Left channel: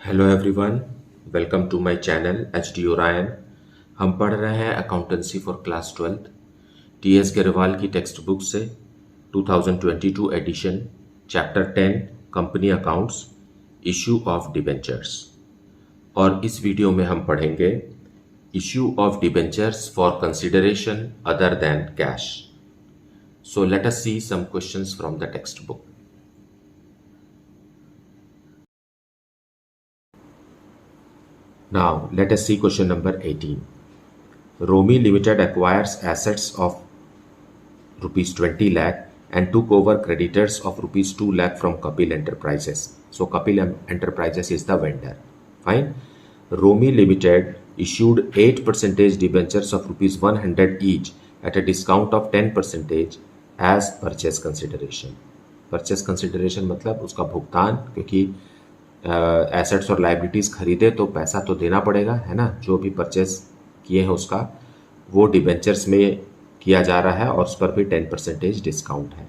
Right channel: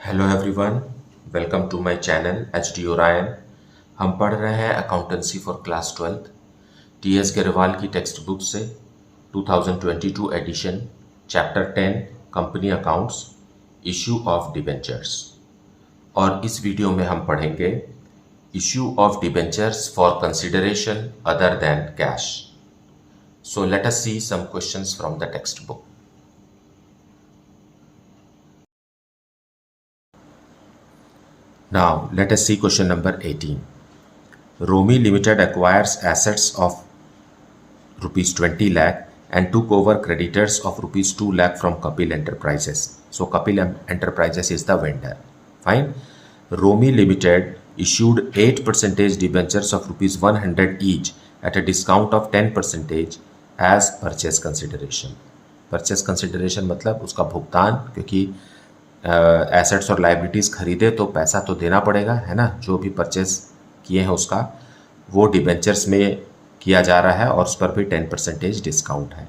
Hello everyone, welcome to my channel H D Orion. हम पढ़ रहे हैं accountancy for class 12 T S Grewal की टेक्स्ट बुक से 2022 edition, chapter 10 company accounts, issue of debentures. और इस वीडियो में हम पढ़ेंगे issue of debentures for consideration other than cash. So let us see some questions from the text book. Now, let us see question number 18. Romi Limited acquires assets of rupees 20 lakh and took over creditors of rupees 2 lakh from Kapil Enterprises. So, Kapil Enterprises is the vendor. Fine. Romi Limited issued 8% debentures of rupees 100 each at a discount of 10% as purchase consideration. Purchase consideration मतलब उसका भुगतान, क्योंकि assets और liabilities खरीदे तो पैसा तो देना पड़ेगा, है ना। जो भी परचेज किए हैं उसका वो डिबेंचर्स में किया जा रहा है और उस पर भी 10% डिस्काउंट है।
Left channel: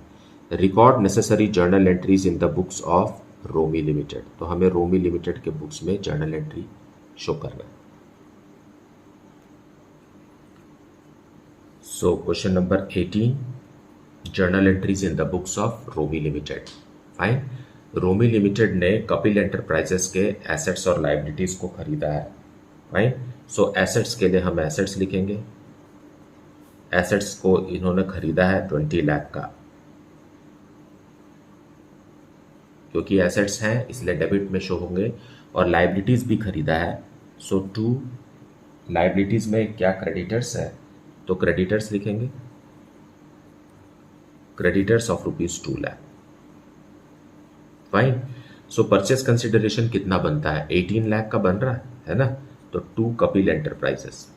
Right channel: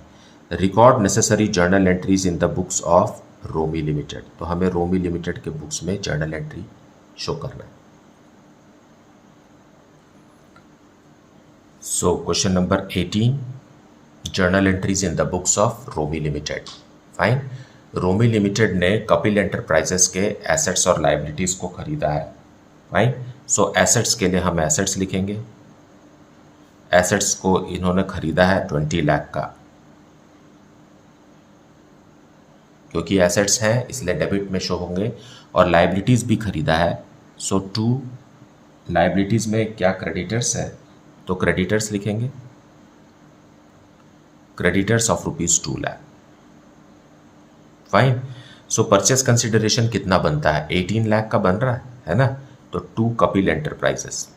Record necessary journal entries in the books of Romi limited. तो हमें रोमी लिमिटेड के बुक्स में जर्नल एंट्री शो करना है। So question number 18, journal entries in the books of Romi limited. Fine. Romi limited ने कपिल एंटरप्राइजेस के एसेट्स और लाइबिलिटीज़ को खरीदा है। राइट। सो एसेट्स के लिए हम एसेट्स लिखेंगे। एसेट्स को इन्होंने खरीदा है 20 लाख का, क्योंकि एसेट्स हैं इसलिए डेबिट में शो होंगे। और लाइबिलिटीज़ भी खरीदा है। सो टू लाइबिलिटीज़ में क्या क्रेडिटर्स है, तो क्रेडिटर्स लिखेंगे। Creditors of rupees 2 lakh. Fine. So purchase consideration कितना बनता है, 18 लाख का बन रहा है ना। तो to Kapil enterprises.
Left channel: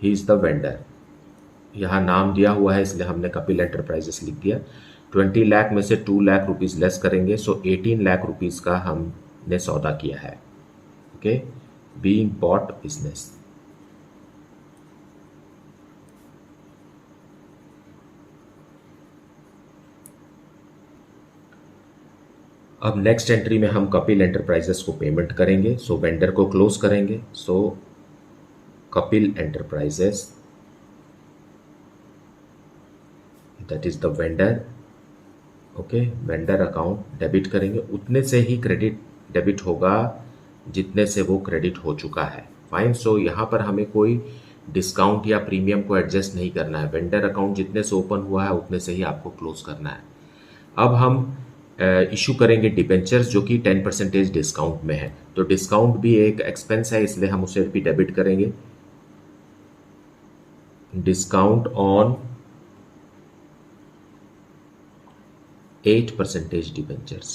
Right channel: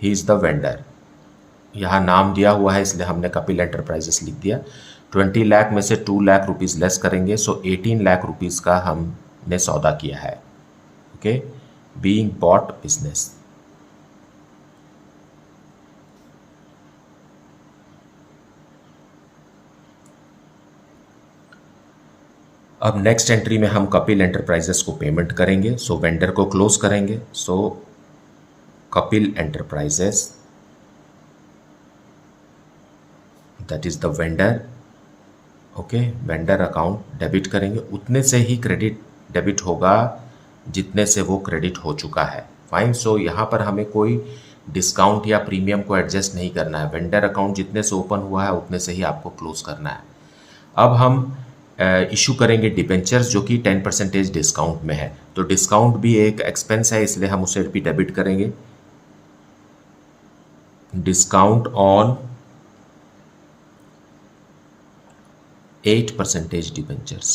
He is the vendor. यहां नाम दिया हुआ है इसलिए हमने कपिल एंटरप्राइजेस लिख दिया। 20 लाख में से 2 लाख रुपीज लेस करेंगे, सो 18 लाख रुपीज का हमने सौदा किया है। Okay, being bought business. अब नेक्स्ट एंट्री में हम कपिल एंटरप्राइजेस को पेमेंट करेंगे। सो वेंडर को क्लोज करेंगे। सो Kapil enterprises, that is the vendor. Okay, vendor account debit करेंगे। उतने से ही क्रेडिट डेबिट होगा जितने से वो क्रेडिट हो चुका है। फाइन। सो यहाँ पर हमें कोई डिस्काउंट या प्रीमियम को एडजस्ट नहीं करना है। वेंडर अकाउंट जितने से ओपन हुआ है उतने से ही आपको क्लोज करना है। अब हम इशू करेंगे डिबेंचर्स जो कि 10% डिस्काउंट में है। तो डिस्काउंट भी एक एक्सपेंस है इसलिए हम उसे भी डेबिट करेंगे। Discount on 8% debentures.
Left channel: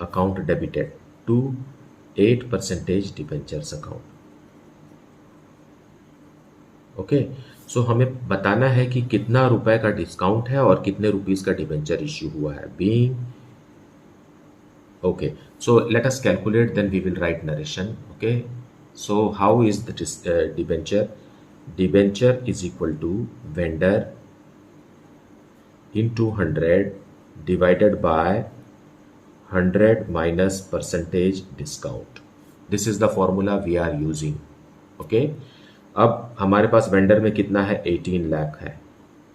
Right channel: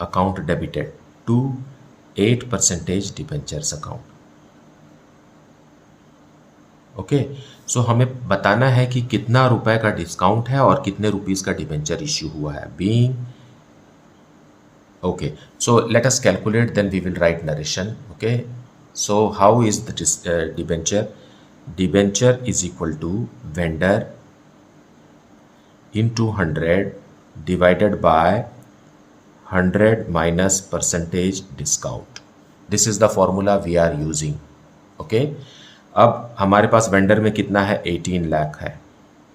Account debited to 8% debentures account. Okay, so हमें बताना है कि कितना रुपए का डिस्काउंट है और कितने रुपीस का डिबेंचर इश्यू हुआ है। Being okay, so let us calculate, then we will write narration. Okay, so how is the debenture? Debenture is equal to vendor into 100 divided by 100 minus percentage discount. This is the formula we are using. Okay, अब हमारे पास vendor में कितना है, 18 लाख है।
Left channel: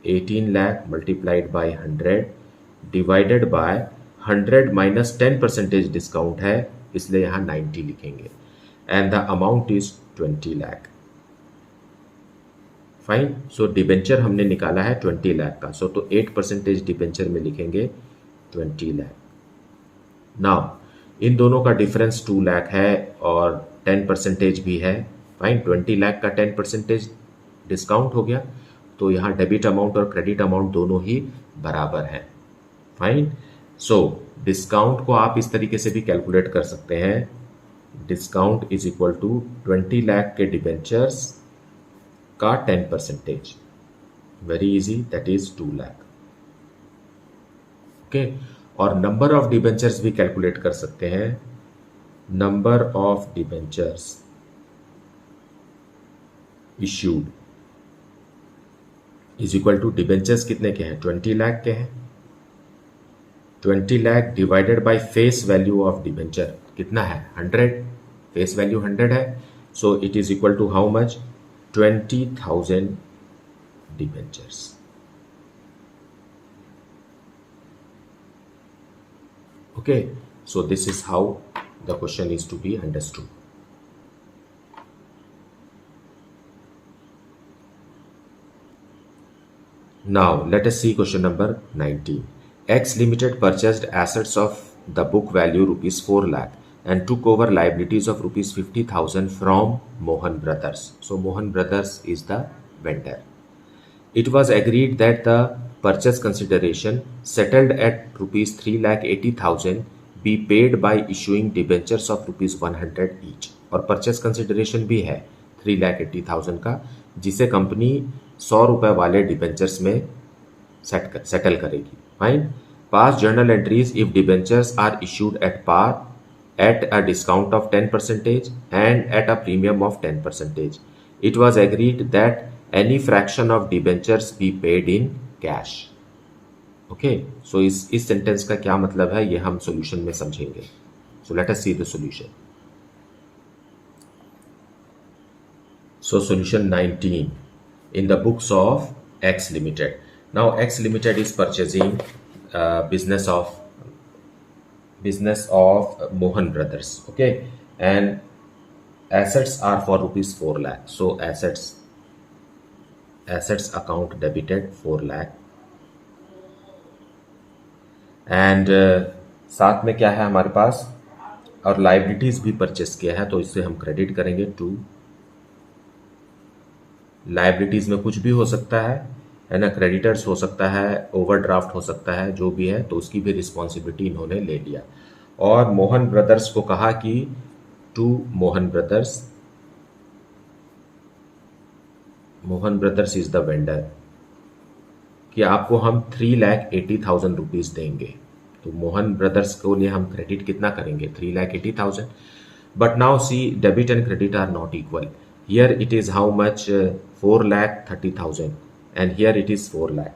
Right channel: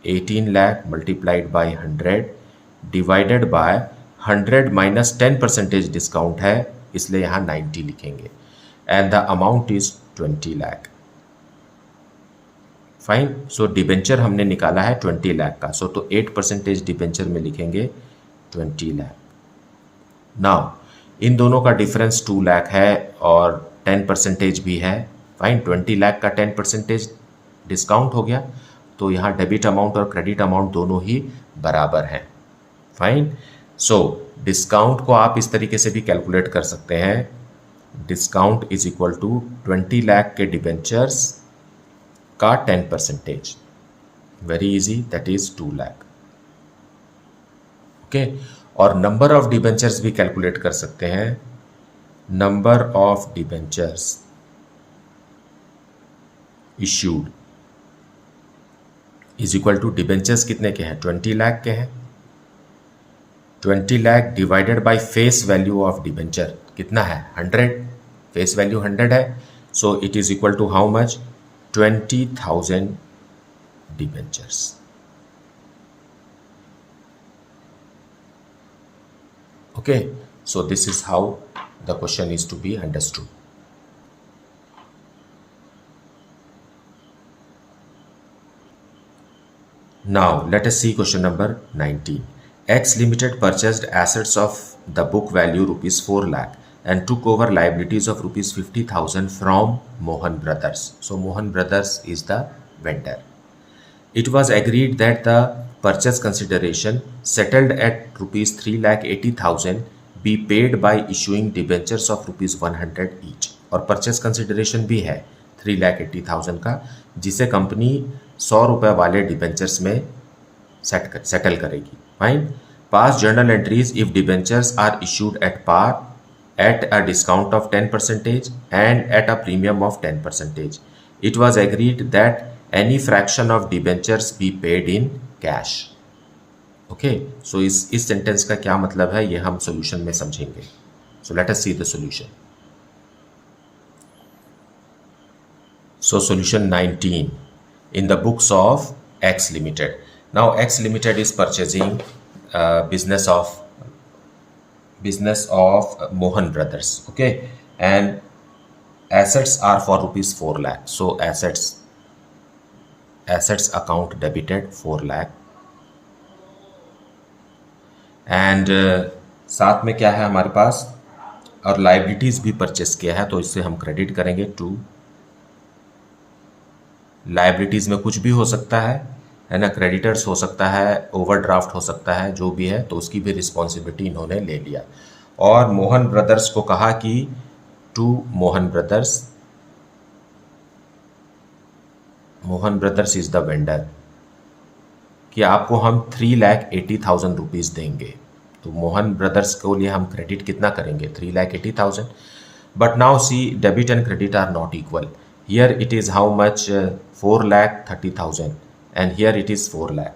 18 lakh multiplied by 100 divided by 100 minus 10% discount है, इसलिए यहाँ 90 लिखेंगे। And the amount is 20 lakh. Fine. So debenture हमने निकाला है 20 लाख का। सो तो 8% डिबेंचर में लिखेंगे 20 लाख। नाउ इन दोनों का डिफरेंस 2 लाख है और 10% भी है। फाइन। 20 लाख का 10% डिस्काउंट हो गया, तो यहाँ डेबिट अमाउंट और क्रेडिट अमाउंट दोनों ही बराबर हैं। फाइन। सो डिस्काउंट को आप इस तरीके से भी कैलकुलेट कर सकते हैं। Discount is equal to 20 lakh के डिबेंचर्स का 10%। Very easy, that is 2 lakh. Okay, और नंबर ऑफ डिबेंचर्स भी कैलकुलेट कर सकते हैं। Number of debentures issued is equal to debentures कितने के हैं, 20 लाख के हैं। 20 lakh divided by face value of debenture कितना है, 100, फेस वैल्यू 100 है। So it is equal to how much, 20,000 debentures. Okay, so this is how the question is to be understood. Now let us see question number 19. X Limited purchased assets of the book value rupees 4 lakh and took over liabilities of rupees 50,000 from Mohan Brothers. So Mohan Brothers is the vendor. It was agreed that the purchase consideration settled at rupees 3,80,000 be paid by issuing debentures of rupees 100 each. और purchase consideration भी है 3,80,000 का, जिसे company 100 रुपये वाले debentures में settle करेगी। Fine. Pass journal entries if debentures are issued at par at a discount of 10% and at a premium of 10%. It was agreed that any fraction of debentures be paid in cash. Okay, so इस sentence का क्या मतलब है ये हम solution में समझेंगे। सो let us see the solution. So solution 19 in the books of x limited. Now x limited is purchasing business of Mohan Brothers. Okay, and assets are for rupees 4 lakh. So assets account debited 4 lakh and साथ में क्या है हमारे पास, और liabilities भी purchase किया है, तो इससे हम क्रेडिट करेंगे टू लाइबिलिटीज में कुछ भी हो सकता है ना, क्रेडिटर्स हो सकता है, ओवरड्राफ्ट हो सकता है, जो भी है, तो उसकी भी रिस्पॉन्सिबिलिटी इन्होंने ले लिया। और मोहन ब्रदर्स को कहा कि to Mohan brothers is the vendor, कि आपको हम 3,80,000 रुपीज़ देंगे। तो मोहन ब्रदर्स को लिए हम क्रेडिट कितना करेंगे, 3,80,000। But now see debit and credit are not equal. Here it is how much, 4,30,000 and here it is 4 lakh.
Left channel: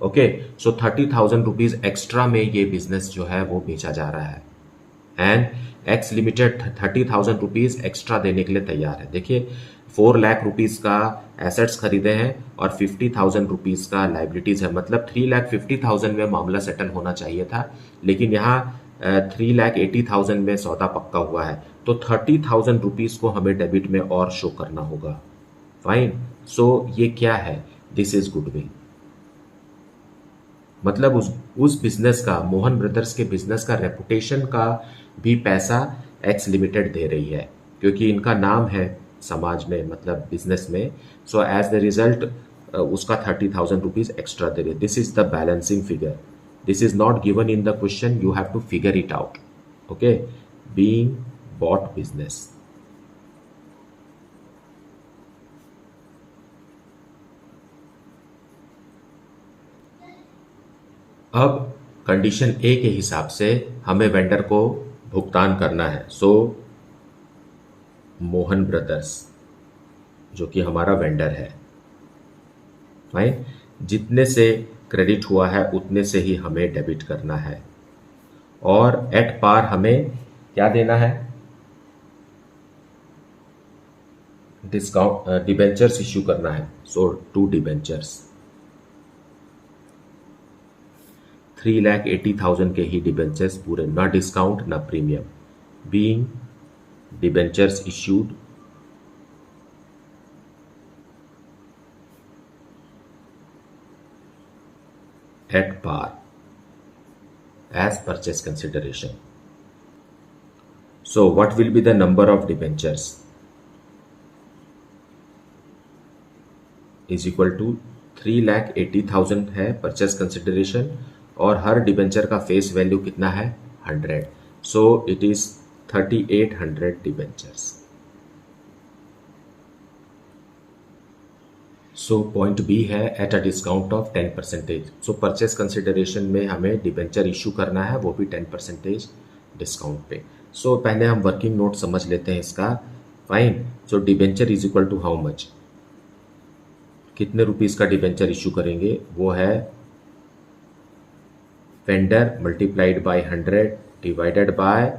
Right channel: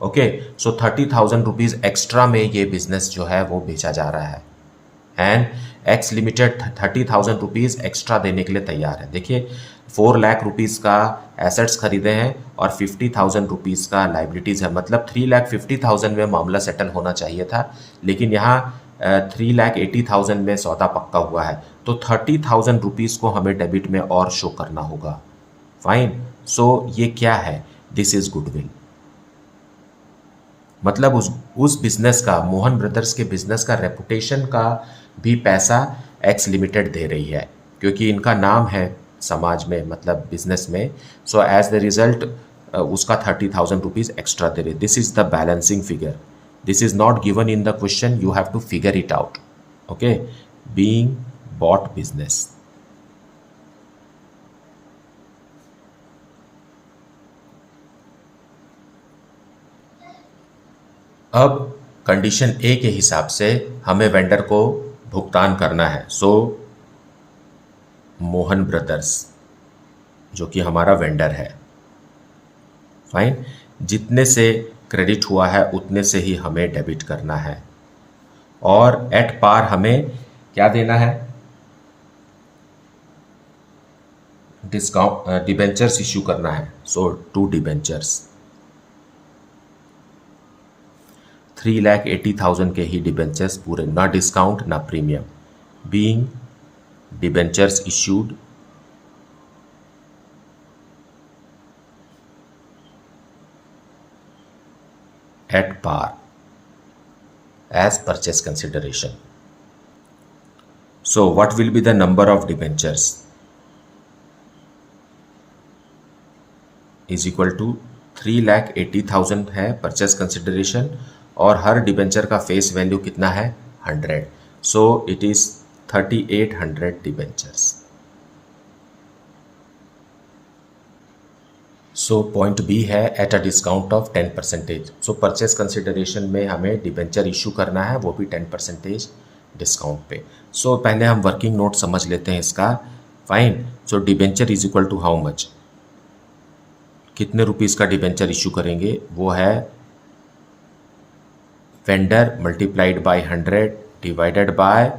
Okay, so 30,000 rupees extra में ये बिजनेस जो है वो बेचा जा रहा है and x limited 30,000 rupees extra देने के लिए तैयार है। देखिए 4 लाख रुपीज़ का एसेट्स खरीदे हैं और 50,000 रुपीज़ का लाइबिलिटीज़ है, मतलब 3,50,000 में मामला सेटल होना चाहिए था, लेकिन यहाँ 3,80,000 में सौदा पक्का हुआ है, तो 30,000 रुपीज़ को हमें डेबिट में और शो करना होगा। फाइन, सो ये क्या है, दिस इज़ गुडविल। मतलब उस बिजनेस का, मोहन ब्रदर्स के बिजनेस का रेपुटेशन का भी पैसा एक्स लिमिटेड दे रही है, क्योंकि इनका नाम है समाज में, मतलब बिजनेस में। सो एज द रिजल्ट उसका 30,000 रुपीज़ एक्स्ट्रा दे रहे। This is the balancing figure, this is not given in the question, you have to figure it out. Okay, being bought business. अब कंडीशन ए के हिसाब से हमें vendor को भुगतान करना है। सो मोहन ब्रदर्स जो कि हमारा वेंडर है, फाइन, जितने से क्रेडिट हुआ है उतने से ही हमें डेबिट करना है, और एट पार हमें क्या देना है, डिस्काउंट डिबेंचर्स इश्यू करना है। सो 2 डिबेंचर्स, 3,80,000 के ही डिबेंचर्स पूरे, ना डिस्काउंट ना premium, being debentures issued at par as purchase consideration. So what will be the number of debentures is equal to 3,80,000 है परचेस कंसिडरेशन, और हर डिबेंचर का फेस वैल्यू कितना है, 100। So it is 3,800 debentures. So point B है at a discount of 10%। So purchase consideration में हमें debenture issue करना है, वो भी 10% डिस्काउंट पे। सो पहले हम वर्किंग नोट समझ लेते हैं इसका। Fine, so debenture is equal to how much, कितने रुपीस का डिबेंचर इशू करेंगे, वो है vendor multiplied by 100 divided by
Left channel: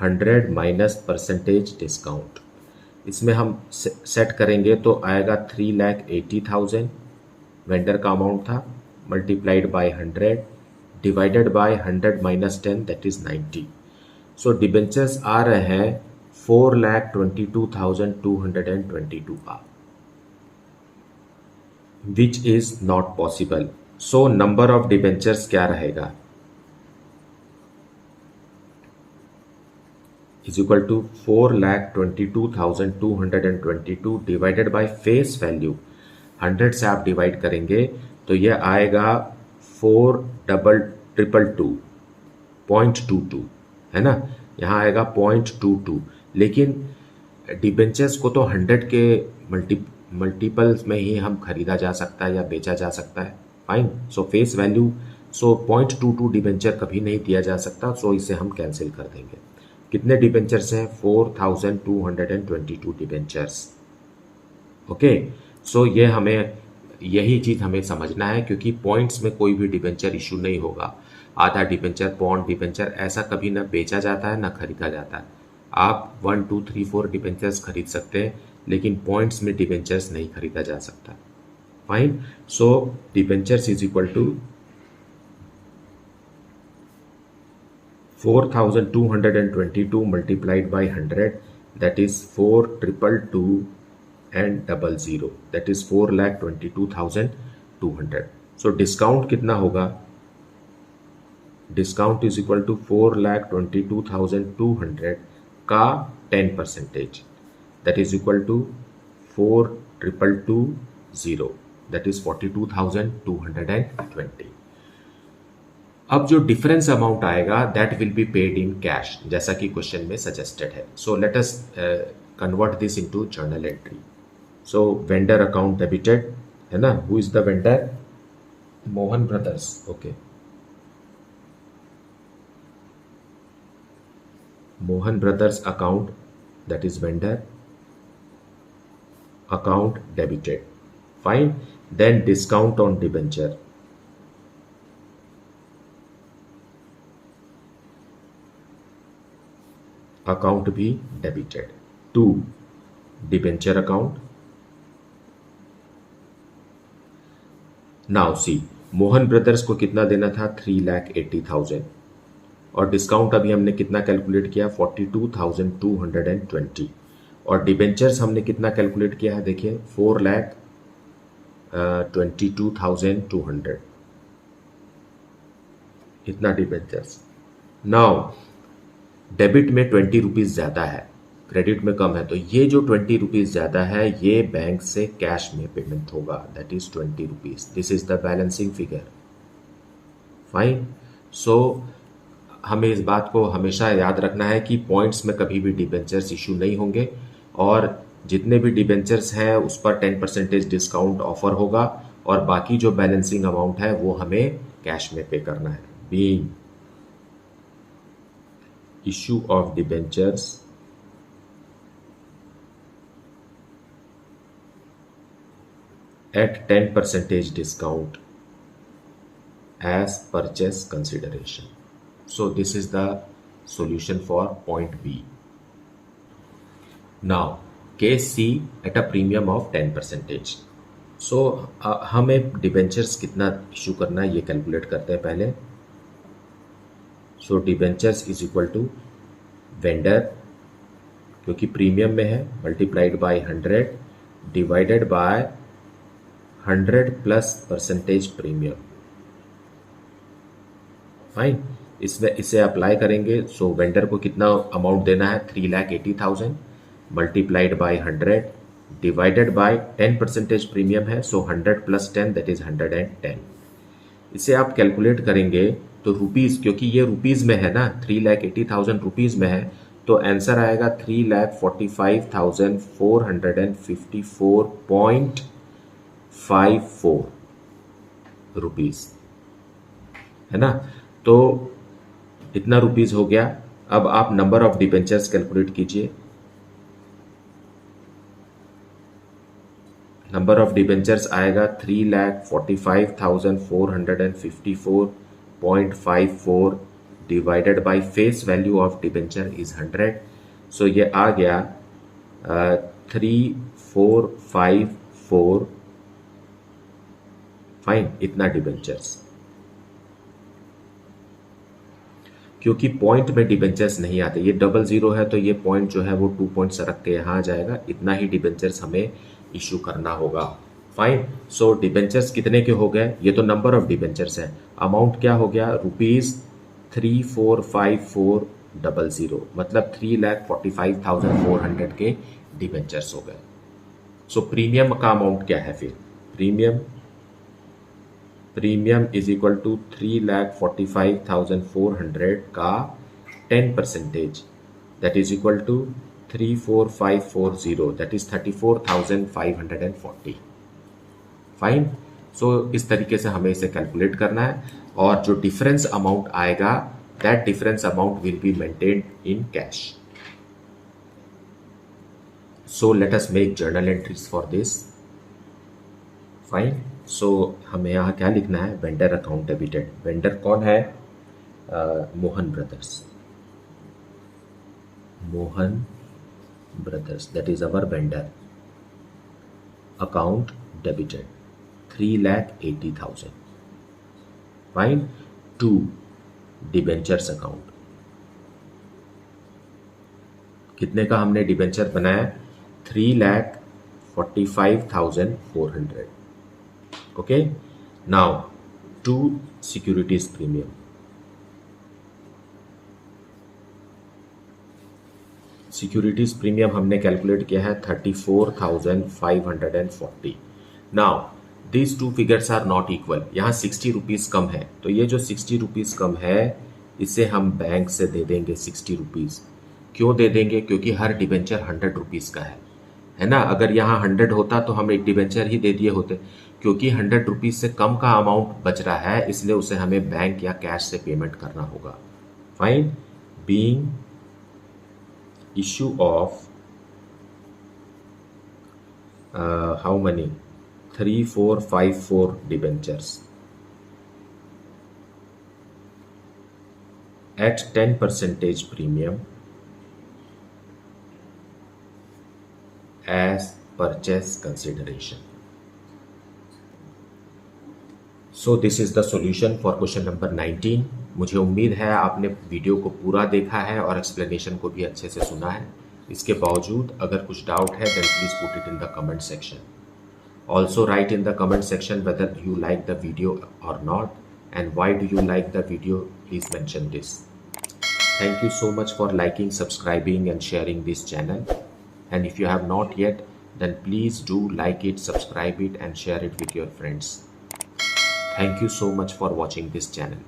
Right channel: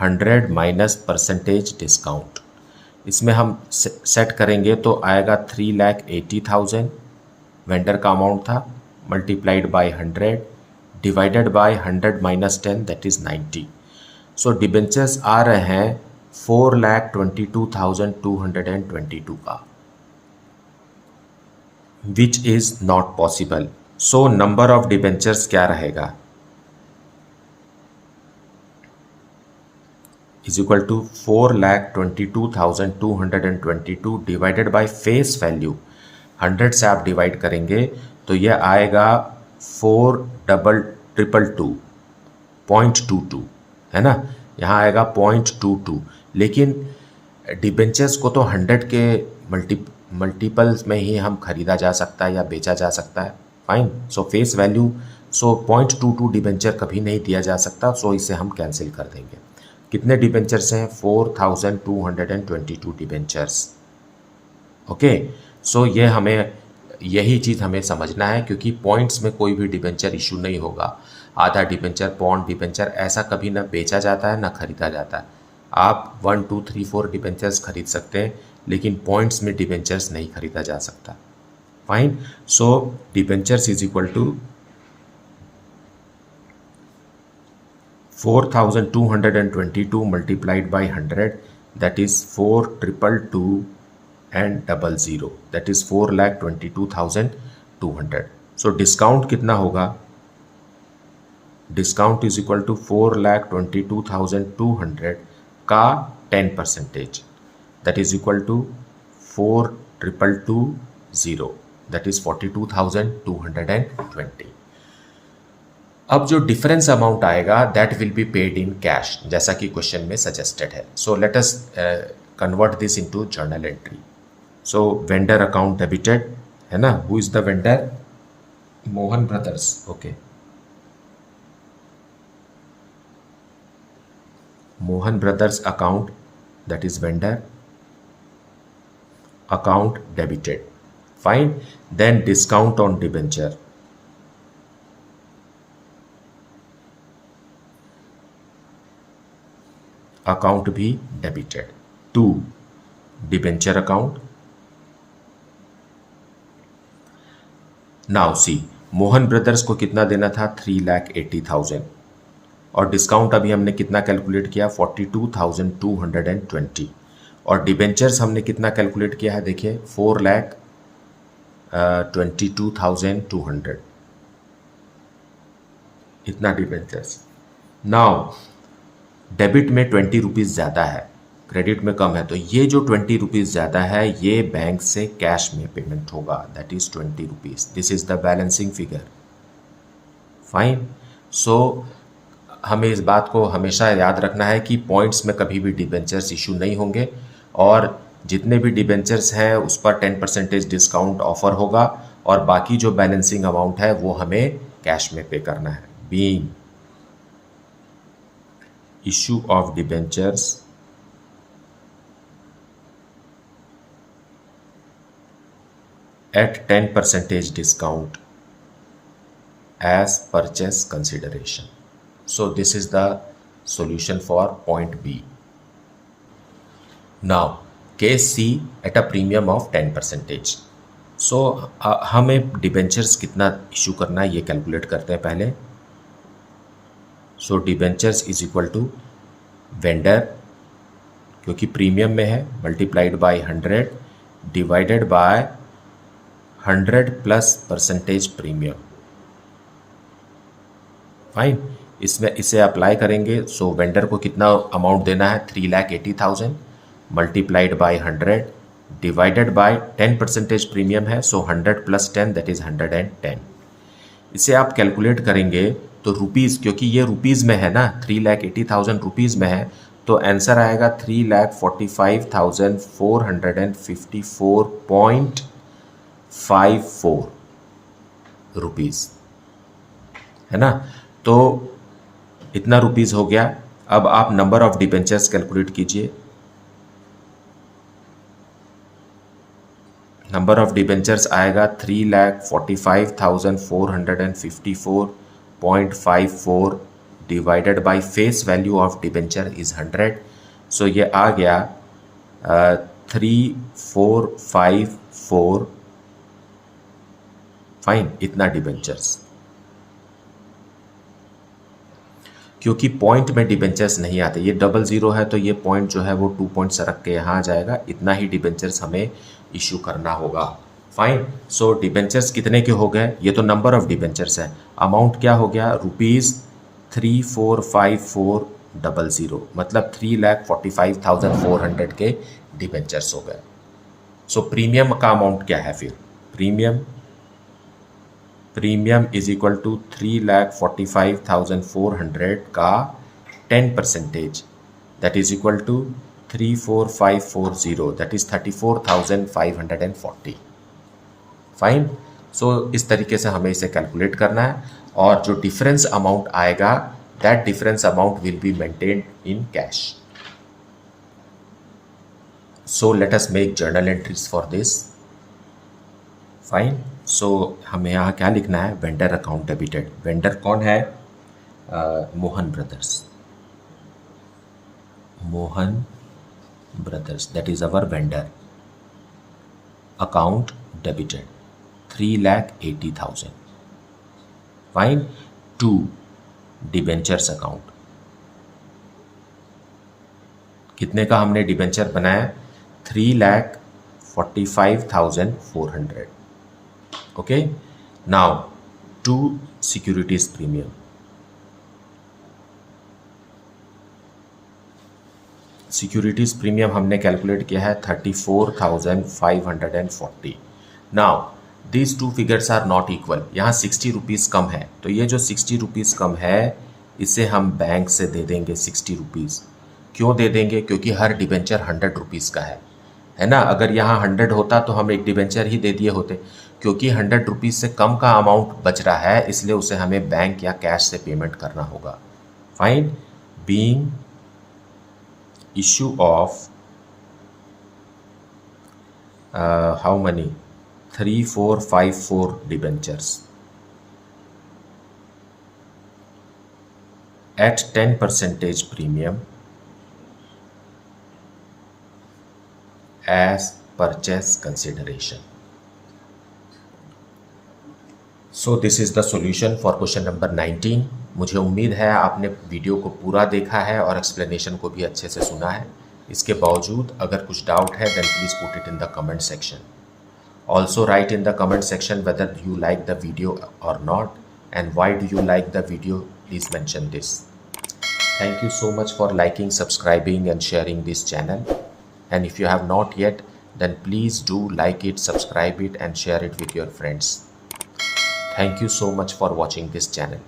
100 minus percentage discount. इसमें हम सेट करेंगे तो आएगा 3,80,000 वेंडर का अमाउंट था, multiplied by 100 divided by 100 minus 10 that is 90। So debentures आ रहे हैं 4,22,222 का, which is not possible. So number of debentures क्या रहेगा, is equal to 4,22,222 divided by face value 100 से आप डिवाइड करेंगे तो यह आएगा 4,222.22 है ना, यहाँ आएगा 0.22। लेकिन डिबेंचर्स को तो 100 के मल्टीपल्स में ही हम खरीदा जा सकता है या बेचा जा सकता है। फाइन, सो फेस वैल्यू, सो 0.22 डिबेंचर कभी नहीं दिया जा सकता, सो इसे हम कैंसिल कर देंगे। कितने डिबेंचर्स हैं, 4,222 डिबेंचर्स। ओके, सो ये हमें यही चीज़ हमें समझना है, क्योंकि पॉइंट्स में कोई भी डिबेंचर इशू नहीं होगा। आधा डिबेंचर, पौंड डिबेंचर ऐसा कभी ना बेचा जाता है ना खरीदा जाता है। आप 1 2 3 4 डिबेंचर्स खरीद सकते हैं, लेकिन पॉइंट्स में डिबेंचर्स नहीं खरीदा जा सकता। Fine, so debentures is equal to 4,222 multiplied by 100 that is 4,222 and 00 that is 4,22,200। so discount कितना होगा, डिस्काउंट इज इक्वल टू 4,22,200 का 10% that is equal to 4,220 that is 42,220। अब जो डिफरेंस अमाउंट आएगा that will be paid in cash, जैसा कि question में suggested है। So let us convert this into journal entry. So vendor account debited है ना, who is the vendor, Mohan brothers. Okay, Mohan brothers account that is vendor account debited. Fine, then discount on debenture, account भी debited to debenture account. Now see, Mohan brothers को कितना देना था, 3,80,000 और discount अभी हमने कितना कैलकुलेट किया, 42,220 और डिबेंचर्स हमने कितना कैलकुलेट किया है, देखिए 4,22,200 इतना डिबेंचर्स। नाउ डेबिट में 20 रुपीज़ ज़्यादा है, क्रेडिट में कम है, तो ये जो 20 रुपीज़ ज़्यादा है ये बैंक से कैश में पेमेंट होगा, that is 20 rupees. This is the balancing figure. Fine, so हमें इस बात को हमेशा याद रखना है कि पॉइंट्स में कभी भी डिबेंचर्स इशू नहीं होंगे और जितने भी डिबेंचर्स हैं उस पर 10% डिस्काउंट ऑफर होगा और बाकी जो बैलेंसिंग अमाउंट है वो हमें कैश में पे करना है। Being issue of debentures at 10% discount as purchase consideration. So this is the solution for point B. Now case C at a premium of 10%. So हमें डिबेंचर्स कितना इशू करना है ये कैलकुलेट करते हैं पहले। So debentures is equal to vendor, क्योंकि premium में है, multiplied by 100 divided by 100 plus percentage premium. Fine, इसमें इसे अप्लाई करेंगे। सो वेंडर को कितना अमाउंट देना है, 3,80,000 multiplied by 100 divided bye 10% premium है, सो 100 प्लस 10 दैट इज 110। इसे आप कैलकुलेट करेंगे तो रुपीज़, क्योंकि ये रुपीज़ में है ना, 3,80,000 रुपीज़ में है, तो आंसर आएगा 3,45,454.54 रुपीज़, है ना। तो इतना रुपीज़ हो गया। अब आप नंबर ऑफ डिबेंचर्स कैलकुलेट कीजिए। नंबर ऑफ डिबेंचर्स आएगा 3,45,454.54 divided by face value of debenture is 100. सो ये आ गया 3454 फाइन इतना डिबेंचर्स. क्योंकि पॉइंट में डिबेंचर्स नहीं आते, ये 00 है तो ये पॉइंट जो है वो 2 पॉइंट सरक के यहाँ आ जाएगा. इतना ही डिबेंचर्स हमें इशू करना होगा. फाइन. सो डिबेंचर्स कितने के हो गए? ये तो नंबर ऑफ डिबेंचर्स है. अमाउंट क्या हो गया? ₹345400, मतलब 3,45,400 के डिबेंचर्स हो गए. सो प्रीमियम का अमाउंट क्या है फिर? प्रीमियम इज इक्वल टू 3,45,400 का 10%, that is equal to 34540, that is 34,540. Fine. So इस तरीके से हमें इसे कैलकुलेट करना है, और जो डिफरेंस अमाउंट आएगा that difference amount will be maintained in cash. So let us make journal entries for this. Fine. So हमें यहाँ क्या लिखना है? Vendor account debited. वेंडर कौन है? Mohan brothers, that is our vendor. Account debited 3,80,000. Fine. To debentures account. कितने का हमने डिबेंचर बनाया? 3,45,400. Okay. Now to securities premium. Securities premium हमने कैलकुलेट किया है 34,540. Now these two figures are not equal. यहाँ 60 रुपीज़ कम है, तो ये जो 60 रुपीज़ कम है इसे हम बैंक से दे देंगे 60 रुपीज़. क्यों दे देंगे? क्योंकि हर डिबेंचर 100 रुपीज़ का है ना. अगर यहाँ 100 होता तो हम एक डिबेंचर ही दे दिए होते. क्योंकि 100 रुपीज़ से कम का अमाउंट बच रहा है, इसलिए उसे हमें बैंक या कैश से पेमेंट करना होगा. Fine. Being issue of how many 3454 debentures at 10% premium as purchase consideration. So this is the solution for question number 19. मुझे उम्मीद है आपने वीडियो को पूरा देखा है और एक्सप्लेनेशन को भी अच्छे से सुना है. इसके बावजूद अगर कुछ डाउट है then please put it in the comment section. Also write in the comment section whether you like the video or not, and why do you like the video. Please mention this. Thank you so much for liking, subscribing and sharing this channel. And if you have not yet, then please do like it, subscribe it and share it with your friends. Thank you so much for watching this channel.